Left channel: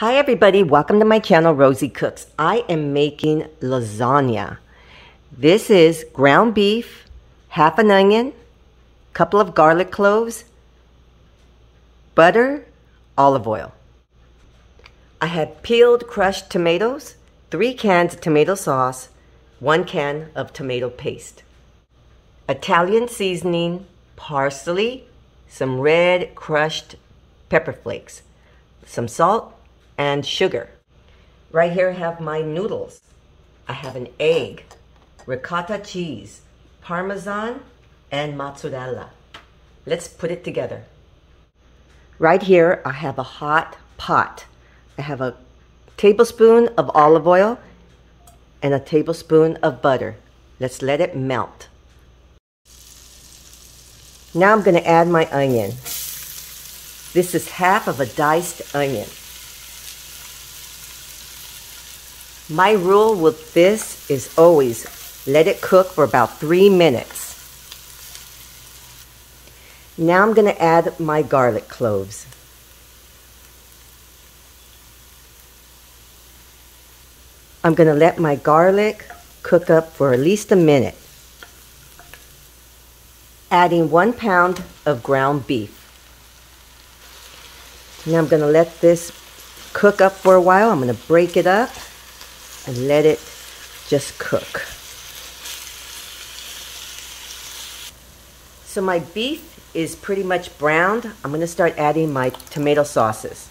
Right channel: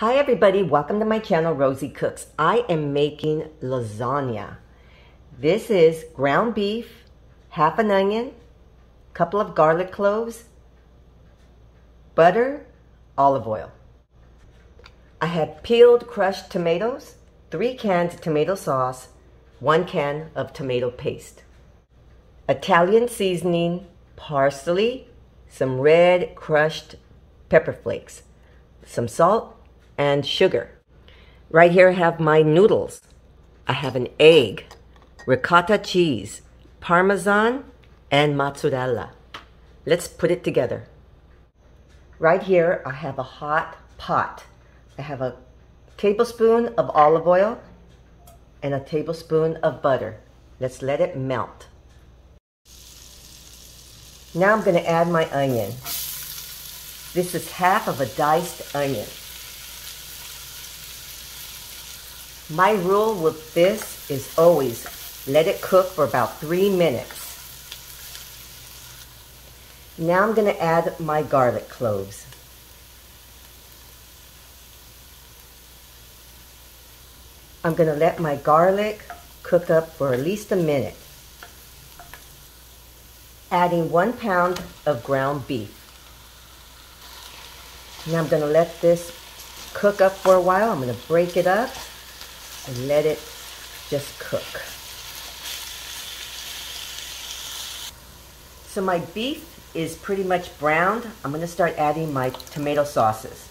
Hi everybody, welcome to my channel, Rosie Cooks. I am making lasagna. This is ground beef, half an onion, couple of garlic cloves, butter, olive oil. I have peeled crushed tomatoes, 3 cans of tomato sauce, 1 can of tomato paste. Italian seasoning, parsley, some red crushed pepper flakes, some salt, and sugar. Right here I have my noodles. I have an egg, ricotta cheese, parmesan, and mozzarella. Let's put it together. Right here I have a hot pot. I have a tablespoon of olive oil and a tablespoon of butter. Let's let it melt. Now I'm going to add my onion. This is half of a diced onion. My rule with this is always let it cook for about 3 minutes. Now I'm going to add my garlic cloves. I'm going to let my garlic cook up for at least a minute. Adding 1 pound of ground beef. Now I'm going to let this cook up for a while. I'm going to break it up and let it just cook. So my beef is pretty much browned. I'm going to start adding my tomato sauces.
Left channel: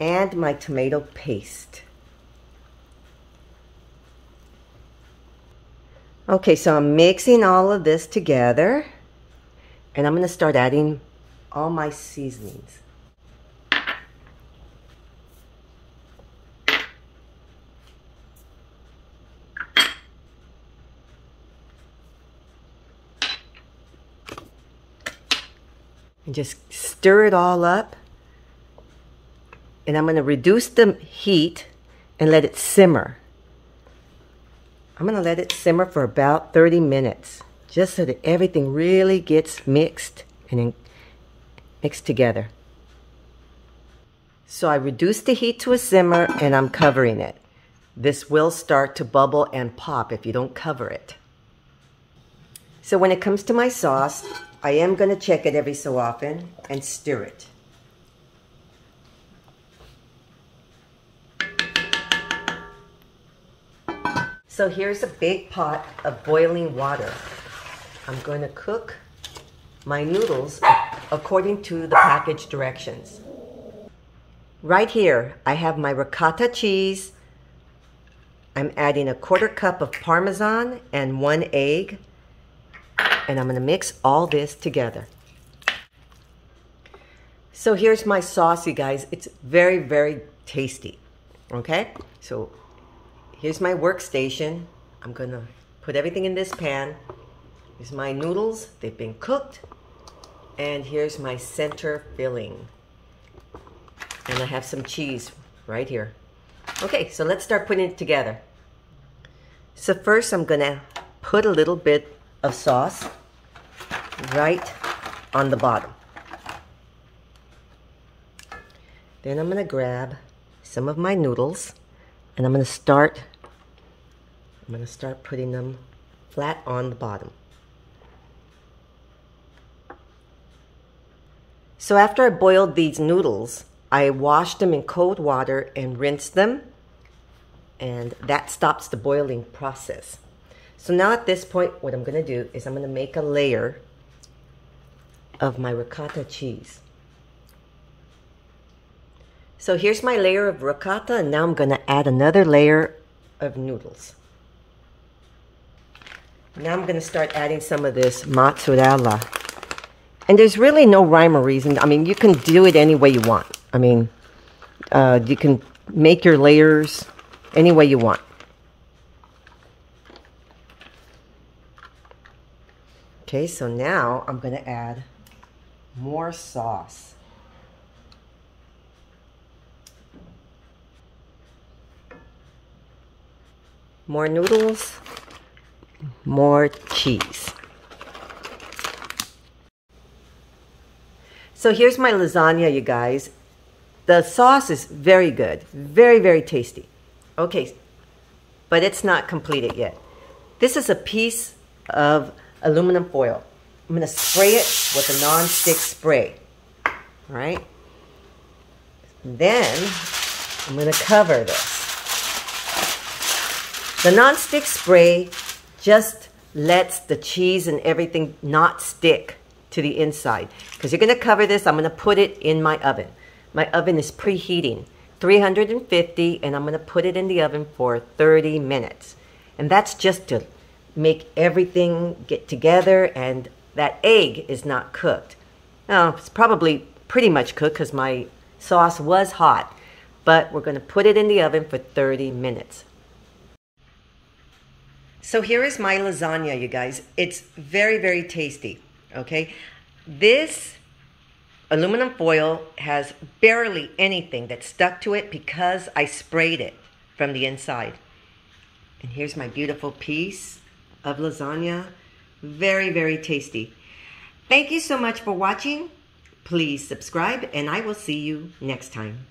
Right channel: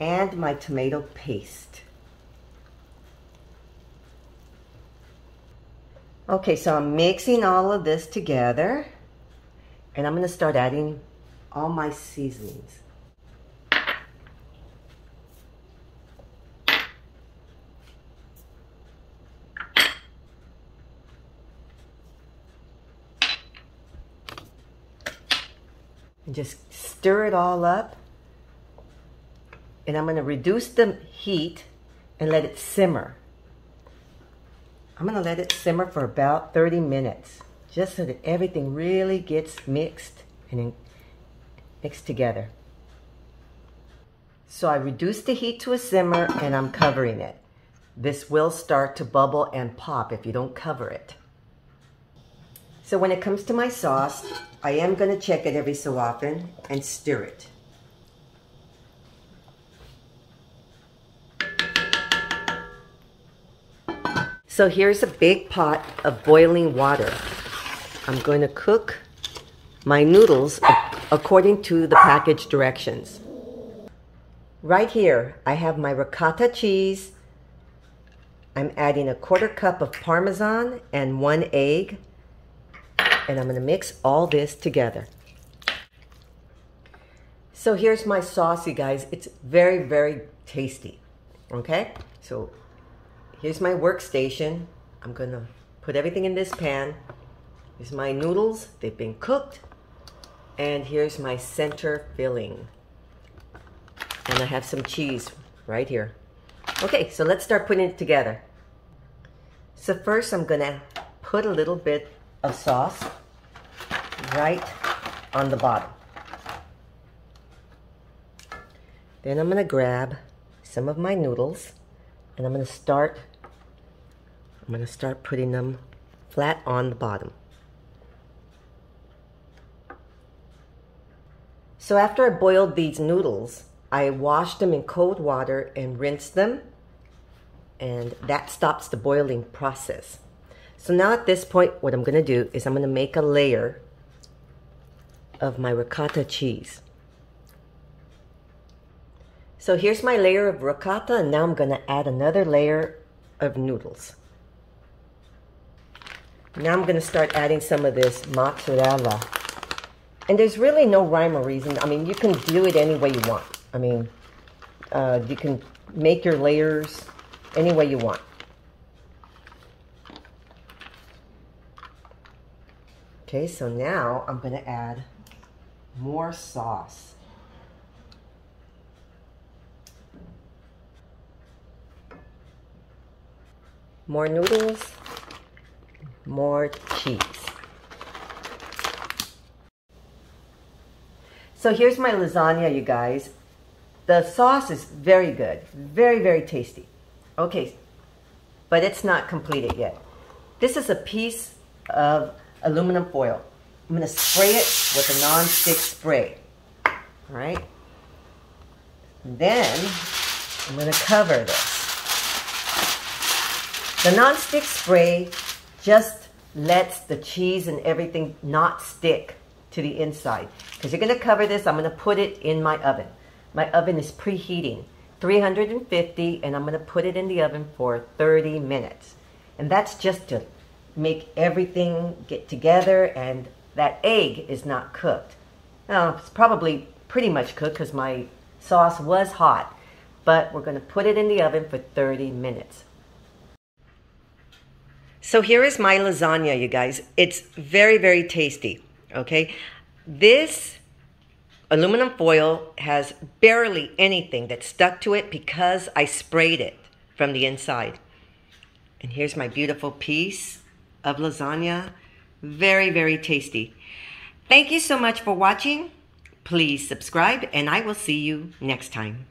And my tomato paste. Okay, so I'm mixing all of this together, and I'm going to start adding all my seasonings. And just stir it all up. And I'm going to reduce the heat and let it simmer. I'm going to let it simmer for about 30 minutes, just so that everything really gets mixed and mixed together. So I reduced the heat to a simmer and I'm covering it. This will start to bubble and pop if you don't cover it. So when it comes to my sauce, I am going to check it every so often and stir it. So here's a big pot of boiling water. I'm going to cook my noodles according to the package directions. Right here, I have my ricotta cheese. I'm adding a 1/4 cup of parmesan and 1 egg. And I'm going to mix all this together. So here's my sauce, you guys. It's very, very tasty. Okay? So here's my workstation. I'm going to put everything in this pan. Here's my noodles. They've been cooked. And here's my center filling. And I have some cheese right here. Okay, so let's start putting it together. So first I'm going to put a little bit of sauce right on the bottom. Then I'm going to grab some of my noodles and I'm going to start putting them flat on the bottom. So after I boiled these noodles, I washed them in cold water and rinsed them, and that stops the boiling process. So now at this point, what I'm going to do is I'm going to make a layer of my ricotta cheese. So here's my layer of ricotta, and now I'm going to add another layer of noodles. Now I'm going to start adding some of this mozzarella. And there's really no rhyme or reason. I mean, you can do it any way you want. I mean, you can make your layers any way you want. Okay, so now I'm going to add more sauce. More noodles. more cheese. So here's my lasagna, you guys. The sauce is very good, very, very tasty. Okay, but it's not completed yet. This is a piece of aluminum foil. I'm gonna spray it with a non-stick spray, all right? And then I'm gonna cover this. The non-stick spray just lets the cheese and everything not stick to the inside. Because you're gonna cover this, I'm gonna put it in my oven. My oven is preheating, 350, and I'm gonna put it in the oven for 30 minutes. And that's just to make everything get together, and that egg is not cooked. Now, it's probably pretty much cooked because my sauce was hot, but we're gonna put it in the oven for 30 minutes. So here is my lasagna, you guys. It's very, very tasty, okay? This aluminum foil has barely anything that stuck to it because I sprayed it from the inside. And here's my beautiful piece of lasagna. Very, very tasty. Thank you so much for watching. Please subscribe, and I will see you next time.